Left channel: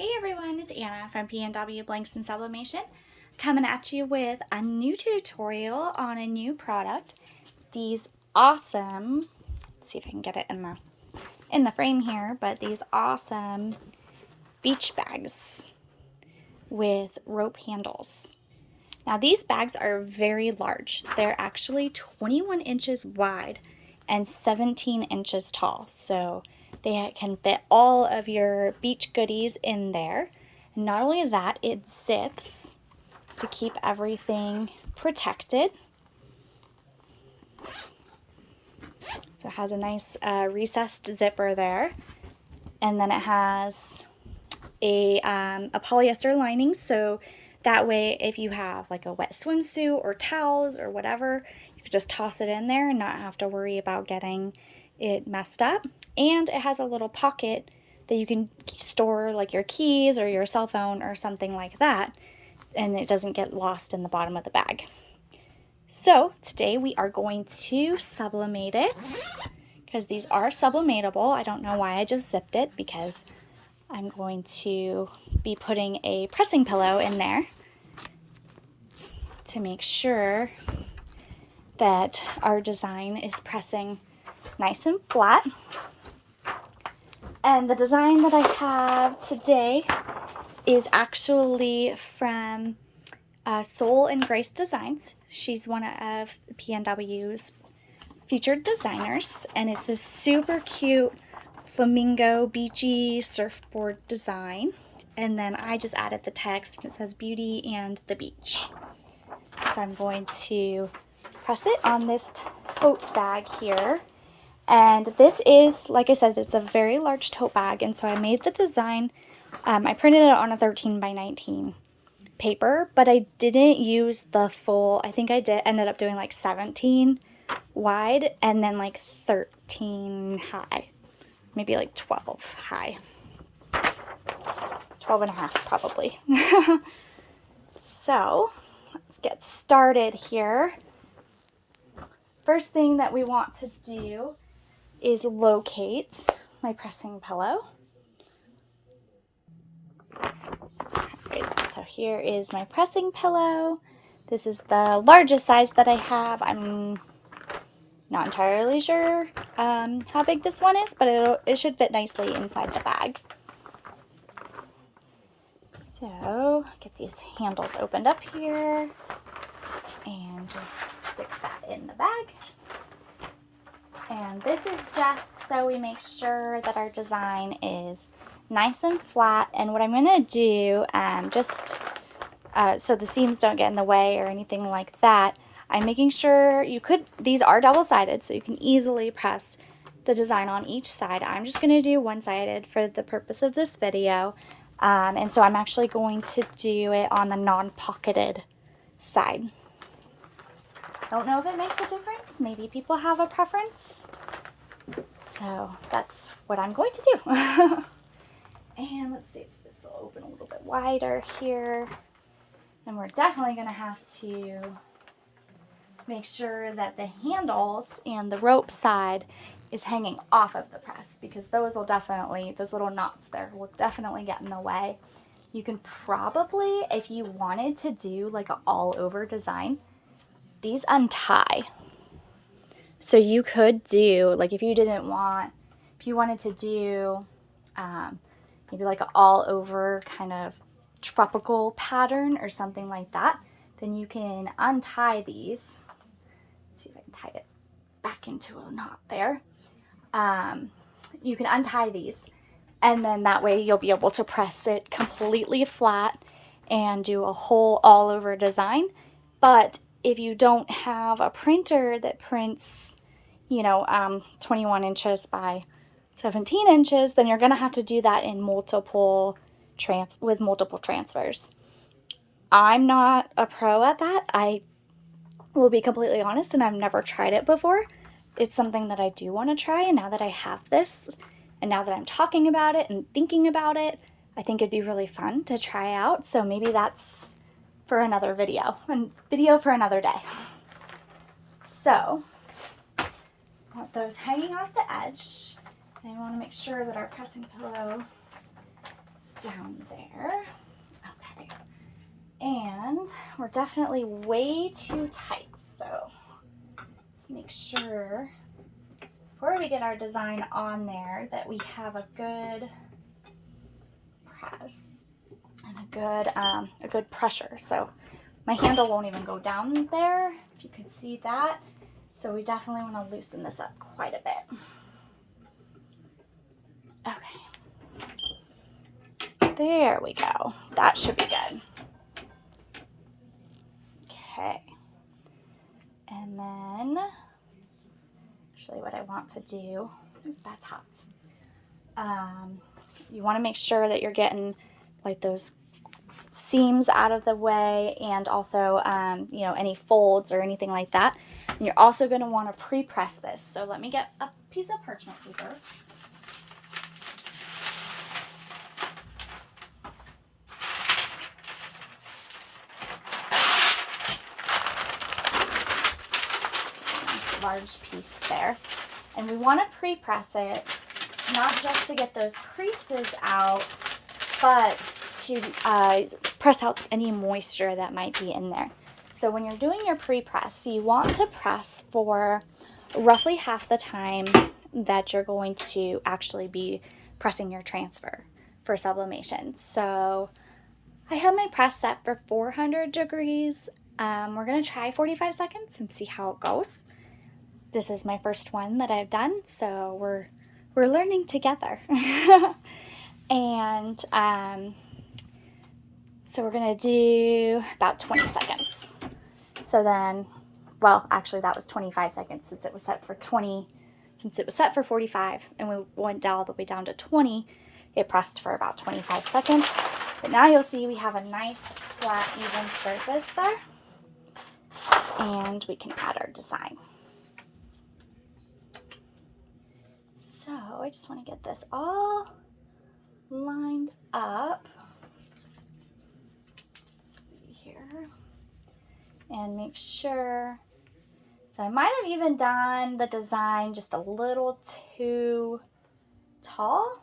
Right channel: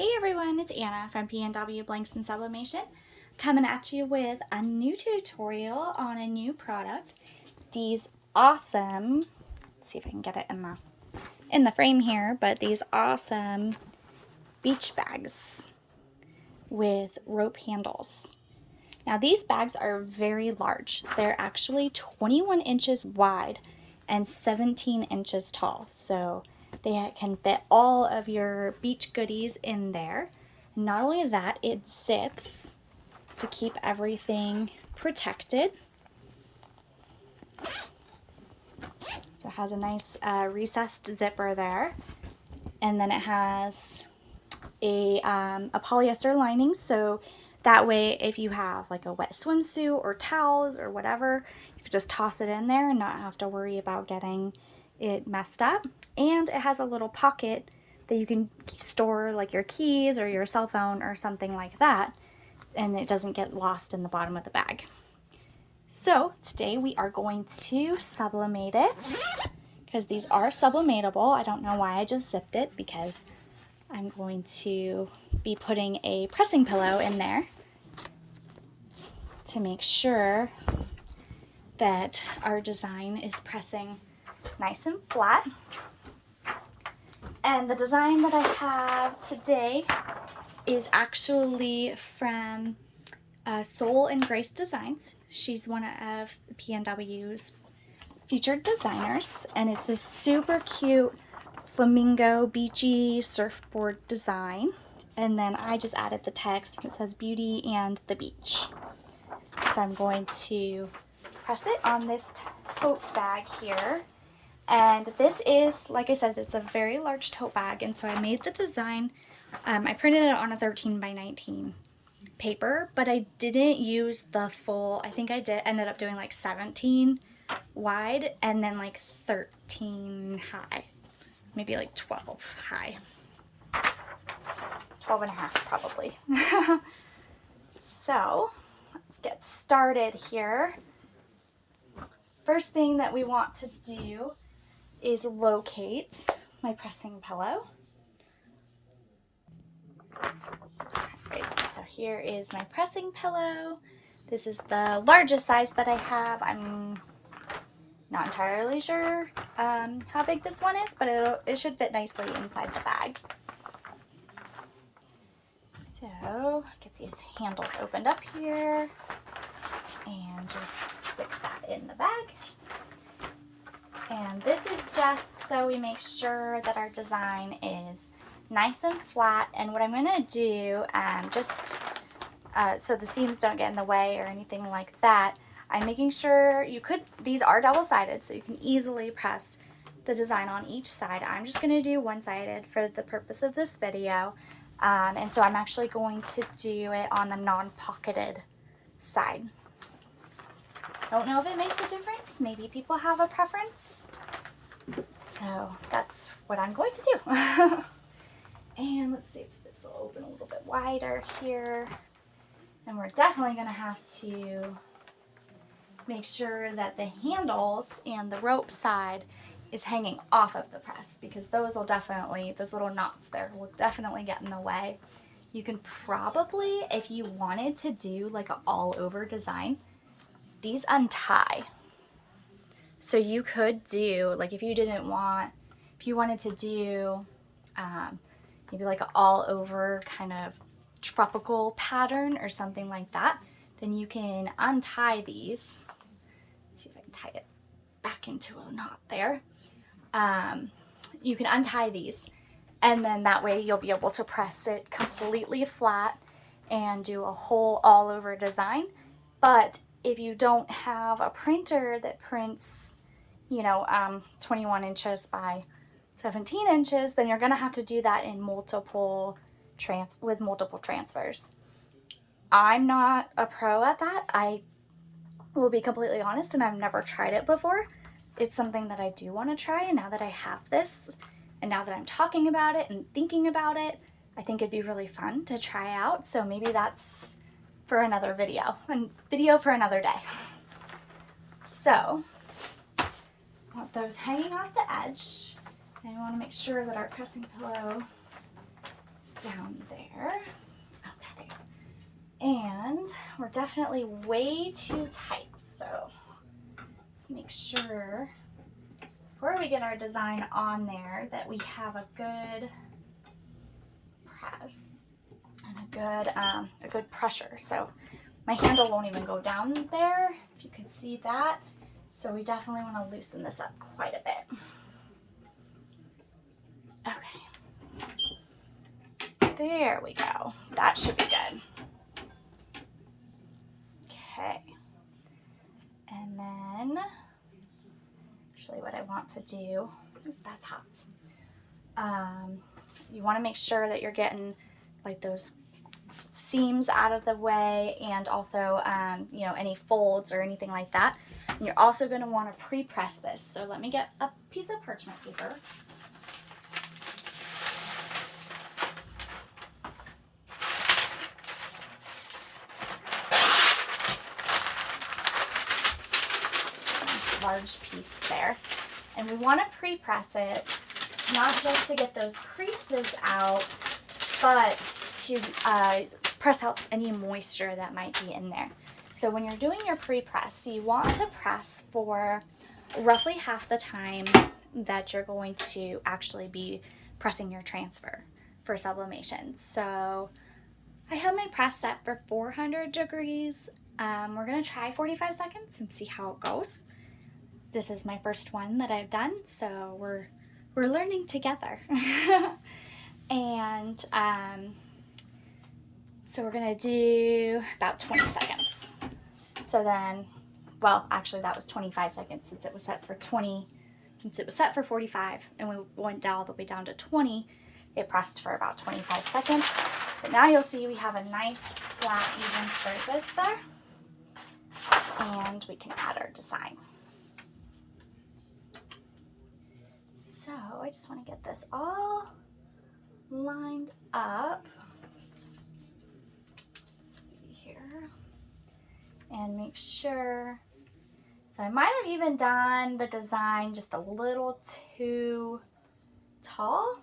Hey everyone, it's Anna from PNW Blanks and Sublimation, coming at you with a new tutorial on a new product. These awesome, let's see if I can get it in the frame here, but these awesome beach bags with rope handles. Now these bags are very large. They're actually 21 inches wide and 17 inches tall. So they can fit all of your beach goodies in there. And not only that, it zips to keep everything protected. So it has a nice recessed zipper there. And then it has a polyester lining, so that way if you have like a wet swimsuit or towels or whatever, you could just toss it in there and not have to worry about getting it messed up. And it has a little pocket that you can store like your keys or your cell phone or something like that, and it doesn't get lost in the bottom of the bag. So today we are going to sublimate it because these are sublimatable. I don't know why I just zipped it, because I'm going to be putting a pressing pillow in there to make sure that our design is pressing nice and flat. And the design that I have today is actually from Soul and Grace Designs. She's one of PNW's featured designers, and it's this super cute flamingo beachy surfboard design. And then I just added the text. It says beauty and the beach. So I'm going to press it on this tote bag here. And this is, like I said, it's a very large tote bag, and so I made the design. I printed it on a 13 by 19 paper, but I didn't use the full, I think I ended up doing like 17 wide and then like 13 high. Maybe like 12 high. 12 and a half probably. So let's get started here. First thing that we want to do is locate my pressing pillow. Alright, so here is my pressing pillow. This is the largest size that I have. I'm not entirely sure how big this one is, but it should fit nicely inside the bag. So get these handles opened up here and just stick that in the bag. And this is just so we make sure that our design is nice and flat. And what I'm going to do, so the seams don't get in the way or anything like that, I'm making sure these are double-sided, so you can easily press the design on each side. I'm just going to do one-sided for the purpose of this video. And so I'm actually going to do it on the non-pocketed side. Don't know if it makes a difference. Maybe people have a preference. So that's what I'm going to do. And let's see if this will open a little bit wider here. And we're definitely going to have to make sure that the handles and the rope side is hanging off of the press, because those little knots there will definitely get in the way. You can probably, if you wanted to do like an all over design, these untie. So you could do, like if you wanted to do maybe like an all over kind of tropical pattern or something like that, then you can untie these. Let's see if I can tie it back into a knot there. You can untie these, and then that way you'll be able to press it completely flat and do a whole all over design. But if you don't have a printer that prints, 21 inches by 17 inches, then you're going to have to do that in multiple transfers. I'm not a pro at that. I will be completely honest, and I've never tried it before. It's something that I do want to try, and now that I have this, and now that I'm talking about it and thinking about it, I think it'd be really fun to try out. So maybe that's for another video, for another day. So, want those hanging off the edge, and I want to make sure that our pressing pillow is down we're definitely way too tight. So let's make sure before we get our design on there that we have a good press and a good pressure. So my handle won't even go down there, if you can see that. So we definitely want to loosen this up quite a bit. Okay. There we go. That should be good. Okay. And then, actually what I want to do, that's hot. You want to make sure that you're getting like those seams out of the way, and also you know, any folds or anything like that. And you're also going to want to pre-press this. So let me get a piece of parchment paper. Nice large piece there. And we want to pre-press it, not just to get those creases out, but to press out any moisture that might be in there. So when you're doing your pre-press, you want to press for roughly half the time that you're going to actually be pressing your transfer for sublimation. So I have my press set for 400 degrees. We're going to try 45 seconds and see how it goes. This is my first one that I've done, so we're learning together. And so we're gonna do about 20 seconds. So then, well, actually that was 25 seconds since it was set for 20, since it was set for 45 and we went all the way down to 20, it pressed for about 25 seconds. But now you'll see we have a nice flat, even surface there. And we can add our design. So I just want to get this all lined up. Let's see here. And make sure. So I might have even done the design just a little too tall,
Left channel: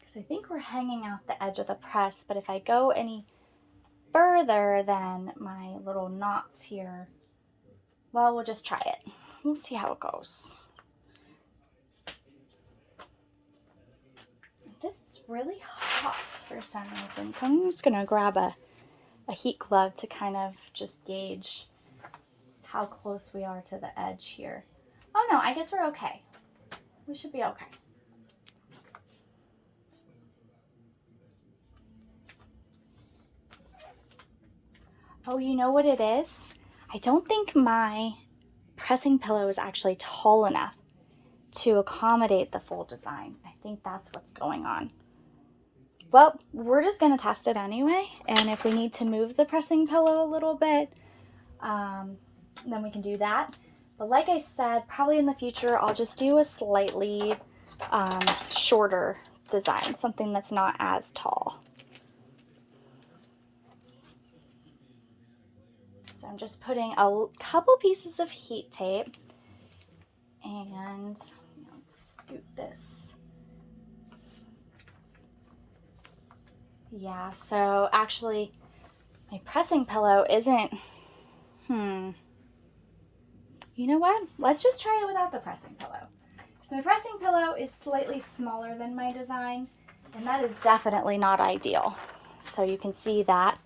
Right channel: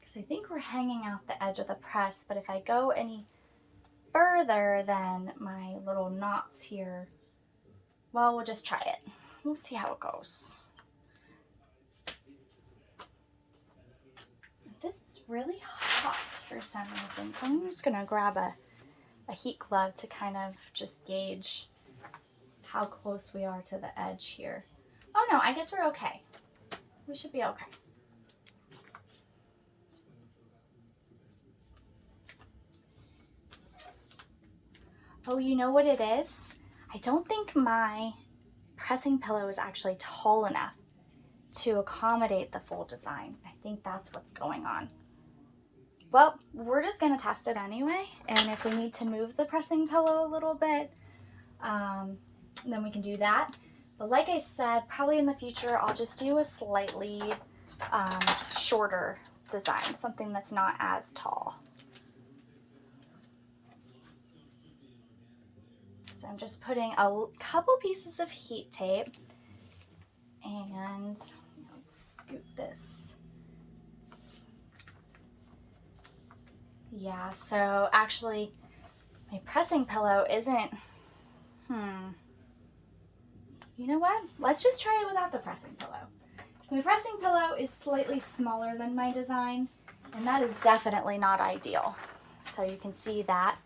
because I think we're hanging out the edge of the press. But if I go any further, then my little knots here, well, we'll just try it. We'll see how it goes. This is really hot for some reason, so I'm just gonna grab a heat glove to kind of just gauge how close we are to the edge here. Oh no, I guess we're okay. We should be okay. Oh, you know what it is? I don't think my pressing pillow is actually tall enough to accommodate the full design. I think that's what's going on. Well, we're just going to test it anyway, and if we need to move the pressing pillow a little bit, then we can do that. But like I said, probably in the future I'll just do a slightly shorter design, something that's not as tall. So I'm just putting a couple pieces of heat tape, and let's scoot this. Yeah, so actually my pressing pillow isn't, you know what? Let's just try it without the pressing pillow. So my pressing pillow is slightly smaller than my design, and that is definitely not ideal. So you can see that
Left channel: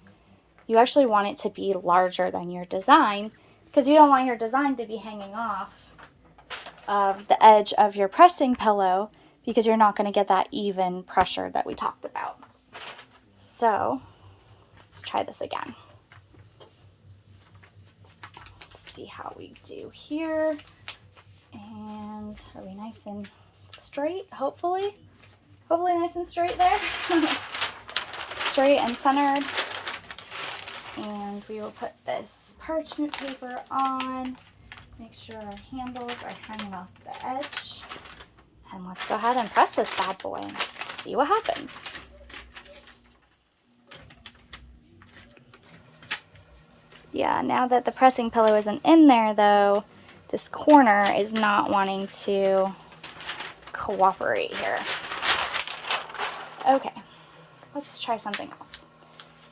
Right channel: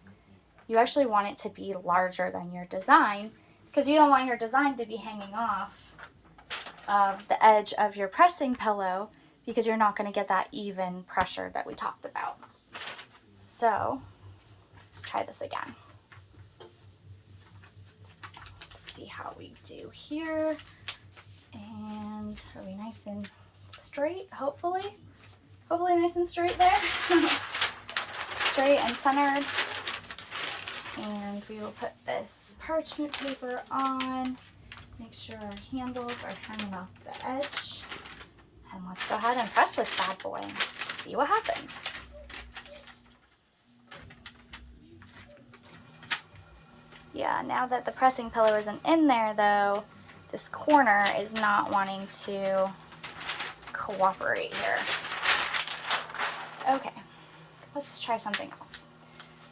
you actually want it to be larger than your design, because you don't want your design to be hanging off of the edge of your pressing pillow, because you're not going to get that even pressure that we talked about. So let's try this again. See how we do here. And are we nice and straight? Hopefully nice and straight there. Straight and centered. And we will put this parchment paper on. Make sure our handles are hanging off the edge. And let's go ahead and press this bad boy and see what happens. Yeah, now that the pressing pillow isn't in there though, this corner is not wanting to cooperate here. Okay, let's try something else.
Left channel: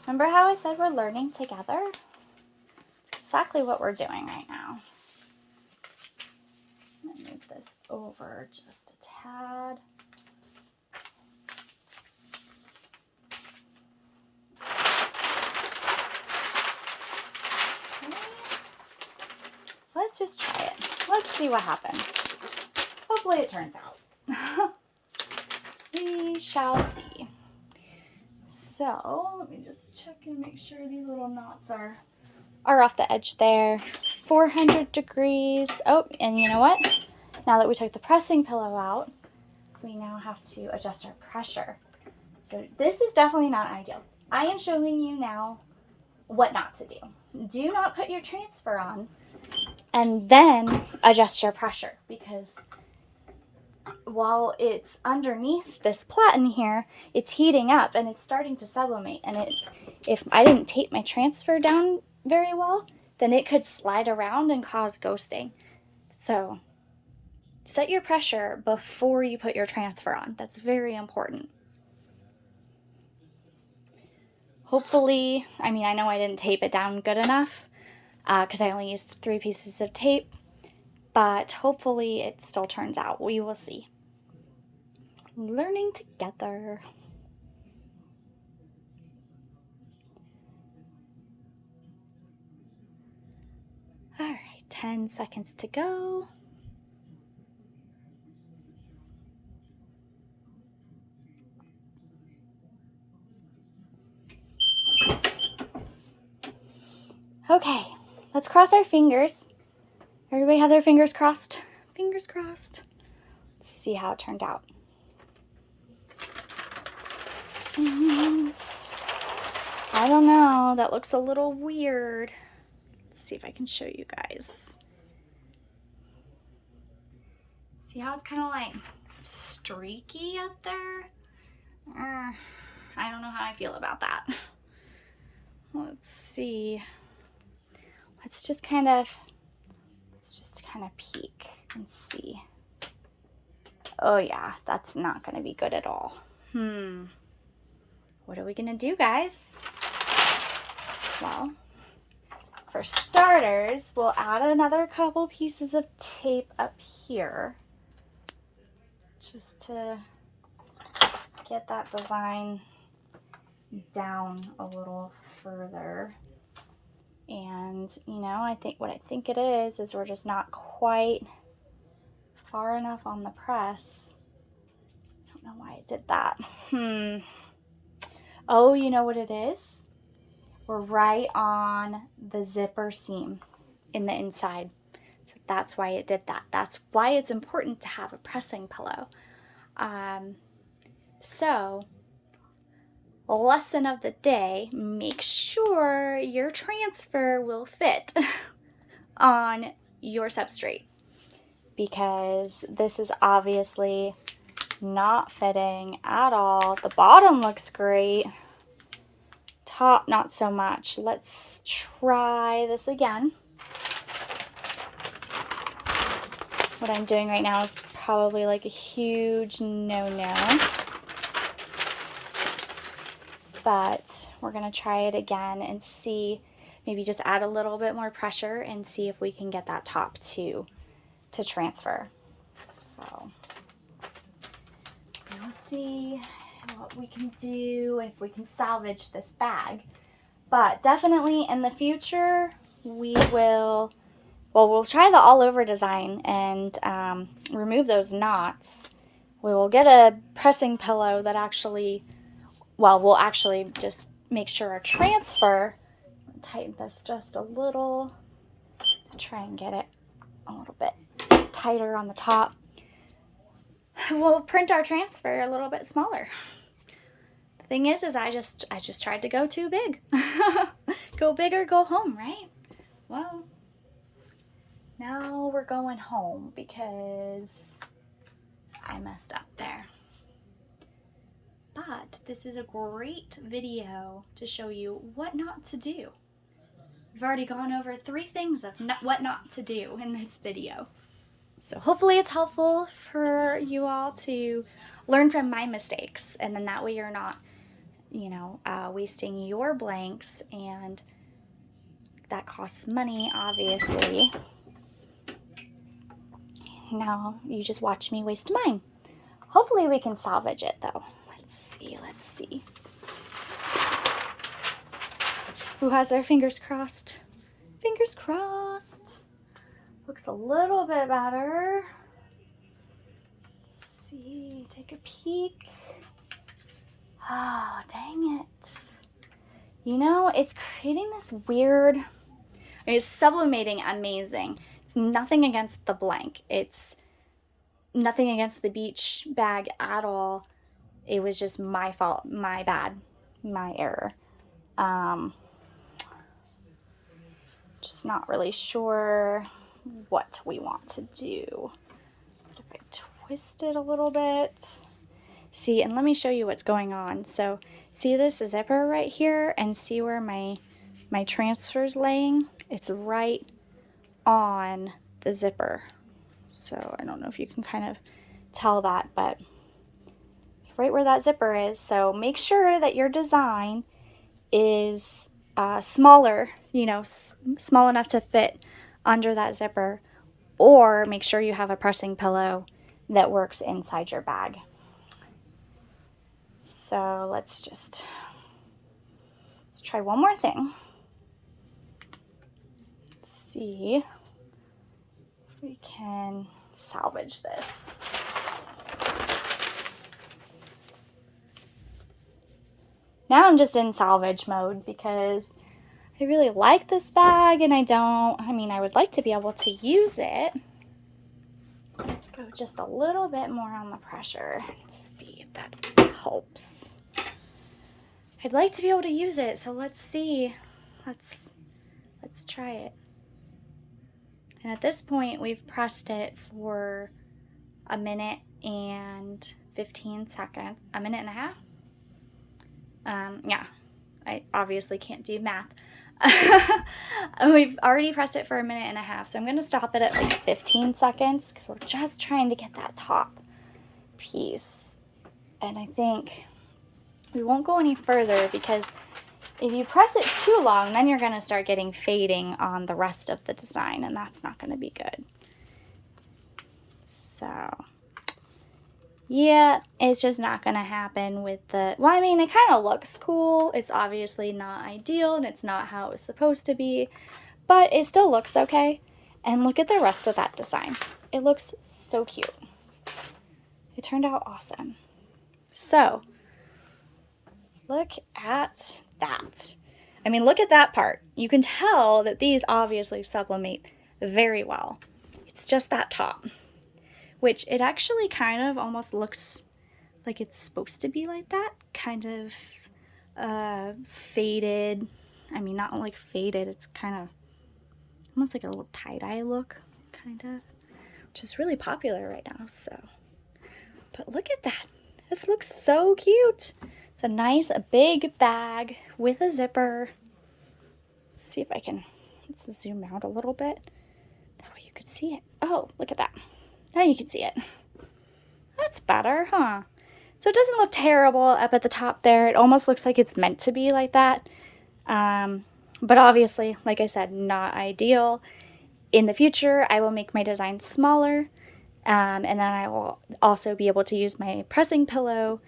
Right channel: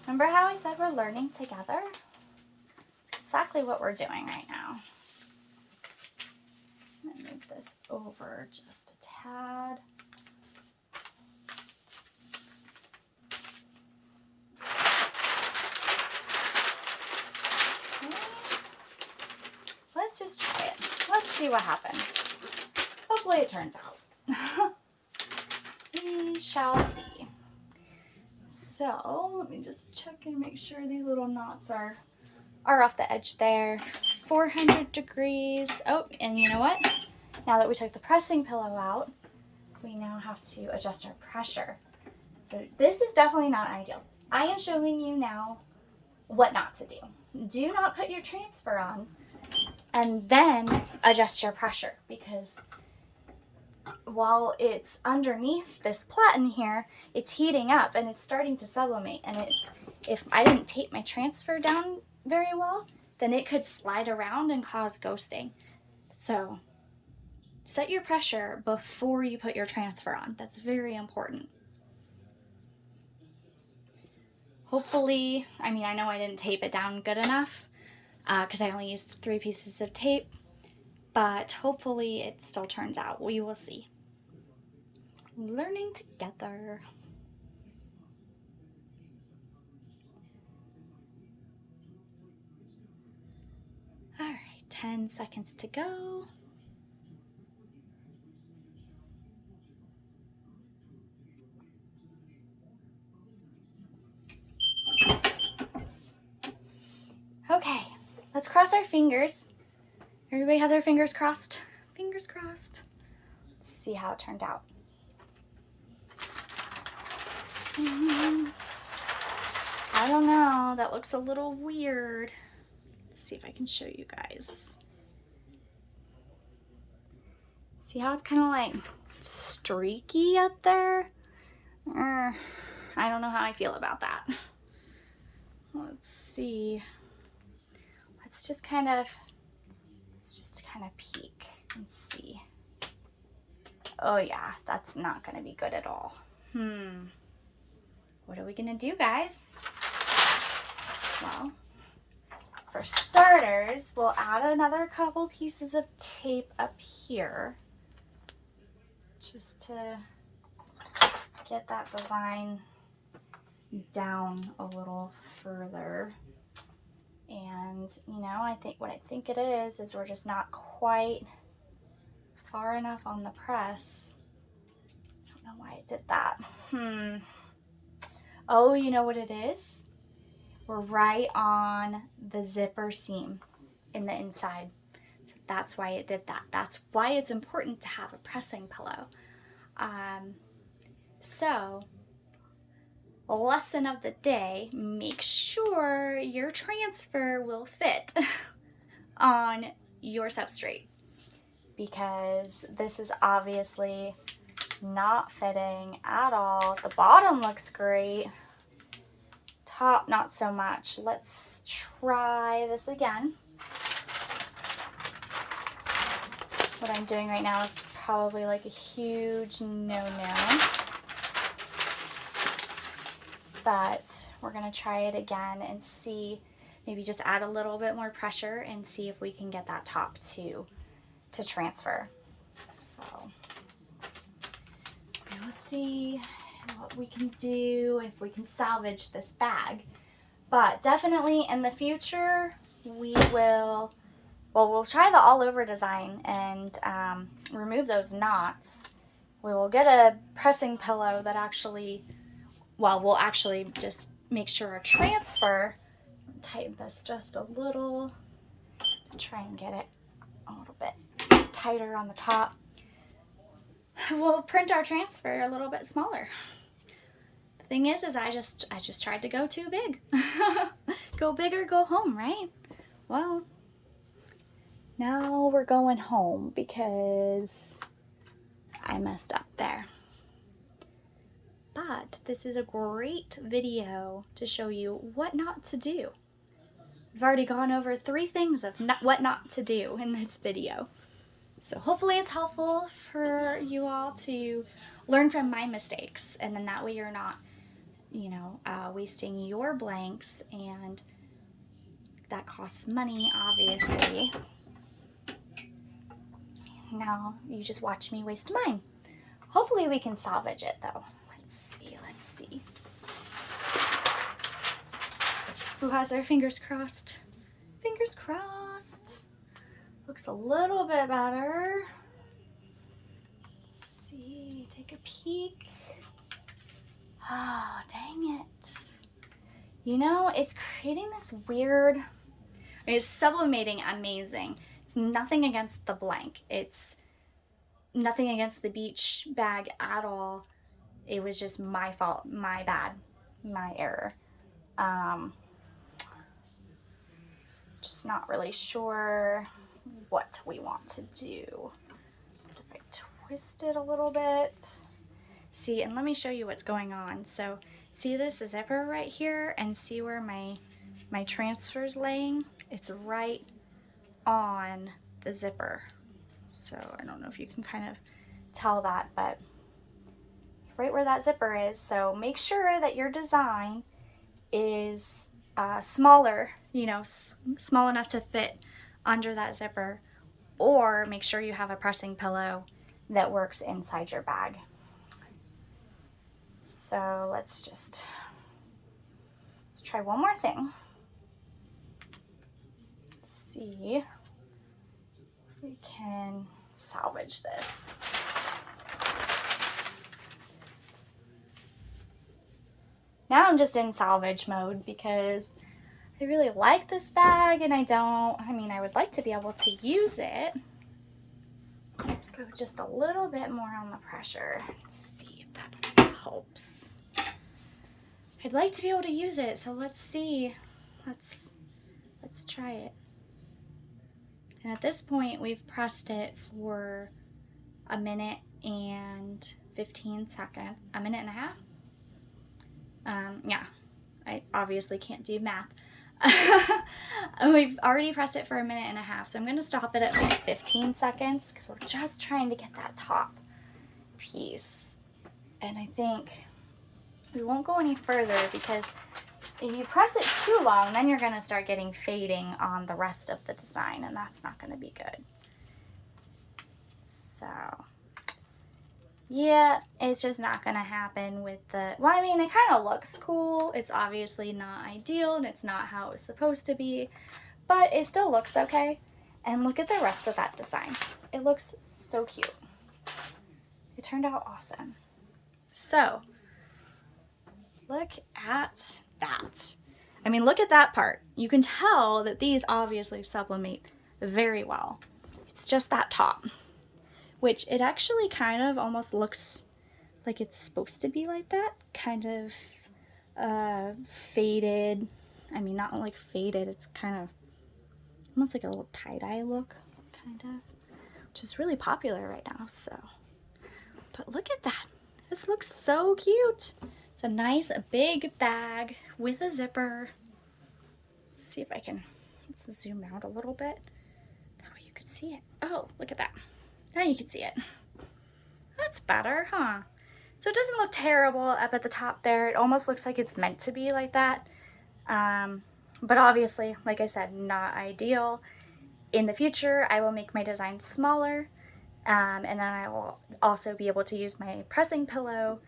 Remember how I said we're learning together? exactly what we're doing right now. I'm going to move this over just a tad. Okay. Let's just try it. Let's see what happens. Hopefully it turns out. We shall see. So let me just check and make sure these little knots are off the edge there. 400 degrees. Oh, and you know what? Now that we took the pressing pillow out, we now have to adjust our pressure. So this is definitely not ideal. I am showing you now what not to do. Do not put your transfer on and then adjust your pressure, because while it's underneath this platen here, it's heating up and it's starting to sublimate. And if I didn't tape my transfer down very well, then it could slide around and cause ghosting. So set your pressure before you put your transfer on. That's very important. Hopefully, I mean, I know I didn't tape it down good enough because I only used 3 pieces of tape, but hopefully it still turns out. We will see. Learning together. All right, 10 seconds to go. Okay, let's cross our fingers. Everybody have their fingers crossed? Fingers crossed. Let's see how it turned out. And I don't know, that looks a little weird. Let's see if I can show you guys. See how it's kind of like streaky up there? I don't know how I feel about that. Let's see. Let's just kind of peek and see. Oh yeah, that's not going to be good at all. What are we going to do, guys? Well, for starters, we'll add another couple pieces of tape up here just to get that design down a little further. And you know, I think it is we're just not quite far enough on the press. I don't know why it did that. Oh, you know what it is? We're right on the zipper seam in the inside. So that's why it did that. That's why it's important to have a pressing pillow. So, lesson of the day, make sure your transfer will fit on your substrate, because this is obviously not fitting at all. The bottom looks great. Top, not so much. Let's try this again. What I'm doing right now is probably like a huge no-no. But we're going to try it again and see, maybe just add a little bit more pressure and see if we can get that top to transfer. So we'll see what we can do, if we can salvage this bag. But definitely in the future, we'll try the all over design and remove those knots. We will get a pressing pillow that we'll actually just make sure our transfer, tighten this just a little, try and get it a little bit tighter on the top. We'll print our transfer a little bit smaller. The thing is I just tried to go too big. Go big or go home, right? Well, now we're going home because I messed up there. But this is a great video to show you what not to do. We've already gone over 3 things of what not to do in this video. So hopefully it's helpful for you all to learn from my mistakes, and then that way you're not, wasting your blanks and that costs money, obviously. Now you just watch me waste mine. Hopefully we can salvage it though. Let's see. Who has their fingers crossed? Fingers crossed. Looks a little bit better. Let's see, take a peek. Oh, dang it. You know, it's creating this weird, it's sublimating amazing. It's nothing against the blank. It's nothing against the beach bag at all. It was just my fault, my bad, my error. Just not really sure what we want to do. If I twist it a little bit. See, and let me show you what's going on. So see this zipper right here, and see where my transfer's laying? It's right on the zipper. So I don't know if you can kind of tell that, but it's right where that zipper is. So make sure that your design is smaller, you know, small enough to fit under that zipper, or make sure you have a pressing pillow that works inside your bag. So let's try one more thing. Let's see if we can salvage this. Now I'm just in salvage mode because I really like this bag, and I would like to be able to use it. Let's go just a little bit more on the pressure. Let's see if that helps. I'd like to be able to use it, so let's see. Let's try it. And at this point, we've pressed it for a minute and 15 seconds, a minute and a half. Yeah, I obviously can't do math. We've already pressed it for a minute and a half, so I'm going to stop it at like 15 seconds because we're just trying to get that top piece. And I think we won't go any further because if you press it too long, then you're going to start getting fading on the rest of the design, and that's not going to be good. So yeah, it's just not going to happen with the, well, I mean, it kind of looks cool. It's obviously not ideal, and it's not how it's supposed to be, but it still looks okay. And look at the rest of that design. It looks so cute. It turned out awesome. So look at that. I mean, look at that part. You can tell that these obviously sublimate very well. It's just that top, which it actually kind of almost looks like it's supposed to be like that, kind of faded. I mean, not like faded, it's kind of almost like a little tie-dye look, kind of, which is really popular right now. So, but look at that. This looks so cute. It's a nice big bag with a zipper. Let's see if I can, let's zoom out a little bit. That way you could see it. Oh, look at that. Now you can see it. That's better, huh? So it doesn't look terrible up at the top there. It almost looks like it's meant to be like that. But obviously, like I said, not ideal. In the future, I will make my design smaller. And then I will also be able to use my pressing pillow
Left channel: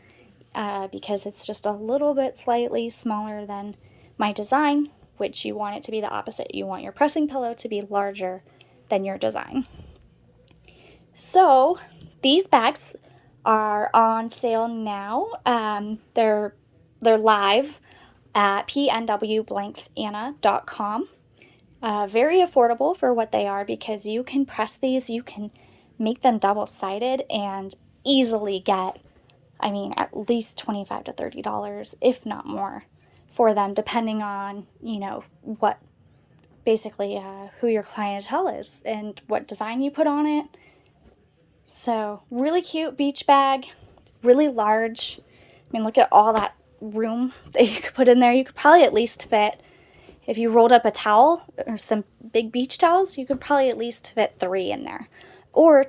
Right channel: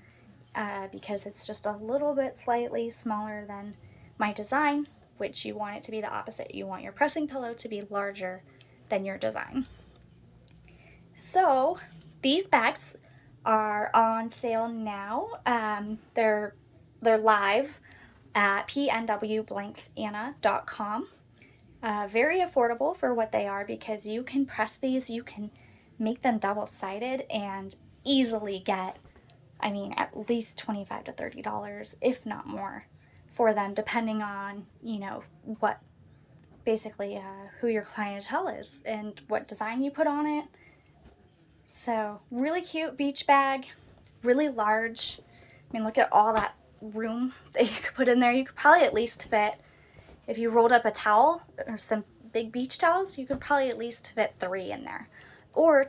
because it's just a little bit slightly smaller than my design, which you want it to be the opposite. You want your pressing pillow to be larger than your design. So these bags are on sale now. They're live at PNWBlanksAnna.com. Very affordable for what they are because you can press these, you can make them double-sided and easily get, I mean, at least $25 to $30, if not more, for them, depending on, you know, what basically who your clientele is and what design you put on it. So really cute beach bag, really large. I mean, look at all that room that you could put in there. You could probably at least fit, if you rolled up a towel or some big beach towels, you could probably at least fit 3 in there. Or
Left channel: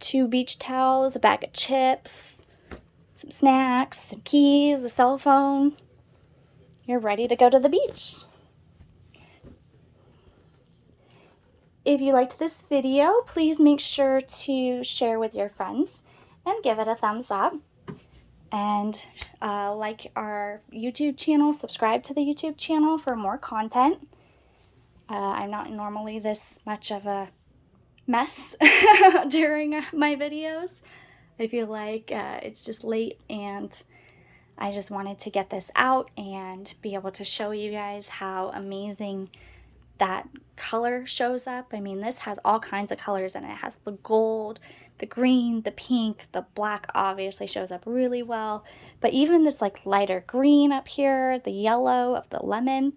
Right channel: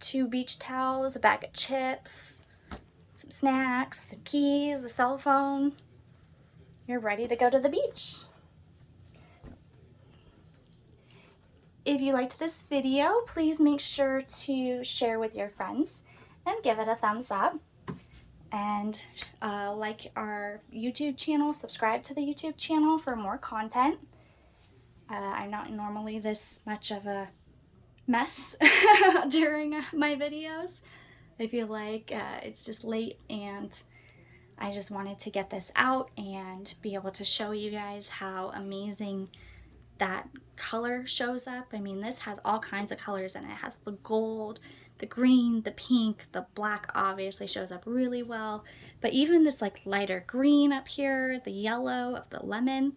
2 beach towels, a bag of chips, some snacks, some keys, a cell phone. You're ready to go to the beach. If you liked this video, please make sure to share with your friends and give it a thumbs up. And like our YouTube channel, subscribe to the YouTube channel for more content. I'm not normally this much of a mess during my videos. I feel like it's just late and I just wanted to get this out and be able to show you guys how amazing that color shows up. I mean, this has all kinds of colors in it. It has the gold, the green, the pink, the black obviously shows up really well. But even this like lighter green up here, the yellow of the lemon,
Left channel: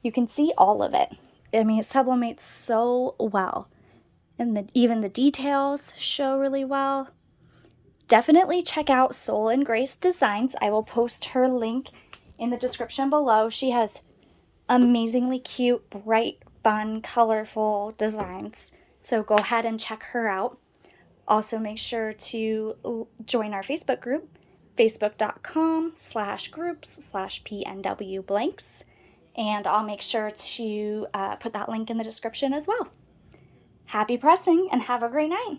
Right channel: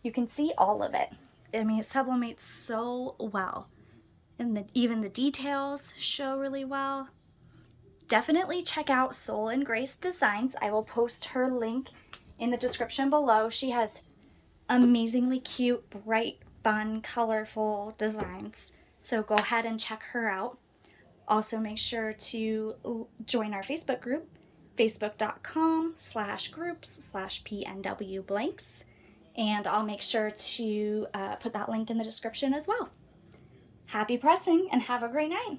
you can see all of it. I mean, it sublimates so well. And even the details show really well. Definitely check out Soul and Grace Designs. I will post her link in the description below. She has amazingly cute, bright, fun, colorful designs. So go ahead and check her out. Also make sure to join our Facebook group, facebook.com/groups/PNW Blanks. And I'll make sure to put that link in the description as well. Happy pressing and have a great night.